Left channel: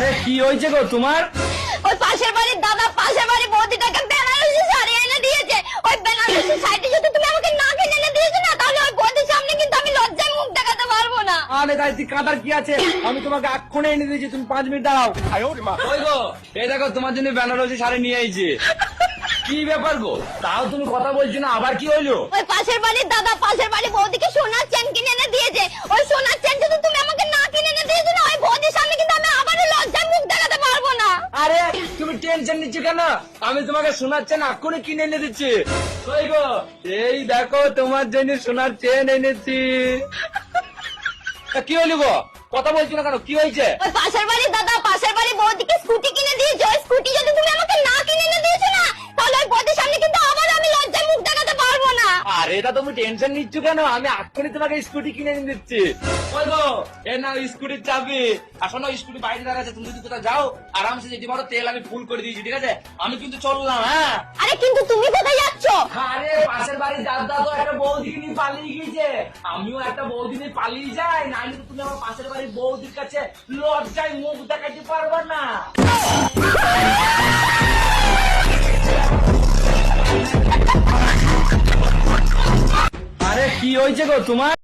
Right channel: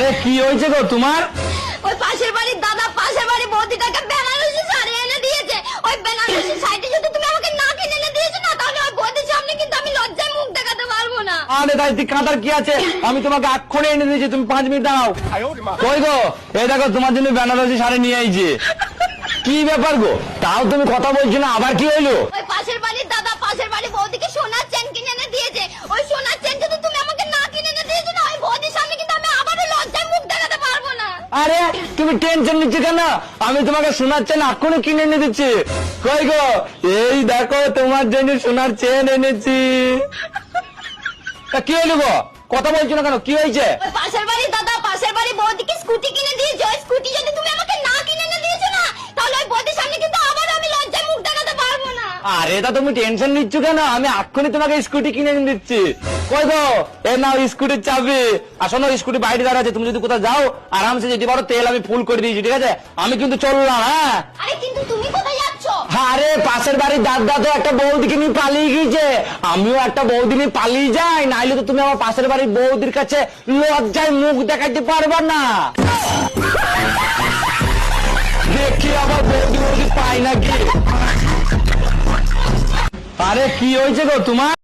আরে কি হয়েছে গো তোমার? ওই পাশের বাড়ির দাদা পাশের বাড়ির বৌদিটাকে বেনারসি শাড়ি এনে দিয়েছে। ওই বেনারসি শাড়িটা যদি তুমি আমাকে না কিনে এনে দিয়েছ না তাহলে ওই বৌদির সামনে কিন্তু আমি লজ্জায় মুখ দেখাতে পারব না। আরে তাই তুই কাঁদার কি আছে? আমি তোমাকে এক্ষণে এনে দিয়েছি তুমি পাঁচ মিনিট দাও কই গো? এই দেখো তোমার জন্য বেনারসি শাড়ি নিয়ে আইছি। কি ব্যাপার গো? তাও তুমি কথা বলছো না আবার কি হইল? ওই পাশের বাড়ির দাদা পাশের বাড়ির বৌদিকে সোনার চেন কিনে এনে দিয়েছে ওই সোনার চেন যদি তুমি আমাকে না কিনে এনে দিয়েছ না ওই বৌদির সামনে কিন্তু আমি আবারও লজ্জায় মুখ দেখাতে পারব না আরে, তুমি টেনশন নিচ্ছ কেন? আমি তোমাকে সোনার চেন এক্ষুনি কিনে এনে দিচ্ছি। কই গো? এই দেখো, তোমার জন্য সোনার চেন এনেছি। তা কি হইল গো? কথা বলছো না কেন? কি হয়েছে? পাশের বাড়ির দাদা পাশের বাড়ির বৌদিকে স্কুটি কিনে দিয়েছে ওই স্কুটি যদি তুমি আমাকে না কিনে এনে দিয়েছ না তাহলে ওই বৌদির সামনে কিন্তু আবার আমি লজ্জায় মুখ দেখাতে পারব না আরে তা তুমি টেনশন নিচ্ছ কেন? আমি এক্ষুনি তোমাকে স্কুটি কিনে এনে দিচ্ছি। কই গো? এ নাও স্কুটির চাবি। আসো না স্কুটি বাইরে দাঁড়া আছে তুমি যদি কোথাও যাও আরামসে যেতে পারো তেল আমি ফুল করে দিয়েছি ঠিক আছে? আমি কিন্তু চললাম হ্যাঁ? আরে কিন্তু তুমি কোথায় যাচ্ছ? আরে পাশের বাড়ির দাদা তো একটা বৌদিকে নিয়ে পালিয়ে গিয়েছে। আমিও একটা বৌদি নিয়ে পালিয়ে যাই নাইলে তো তুমি আমার পাশের বাড়ির বৌদির কাছে লজ্জায় মুখ দেখাতে পারবে না। কি হয়েছে গো তোমার?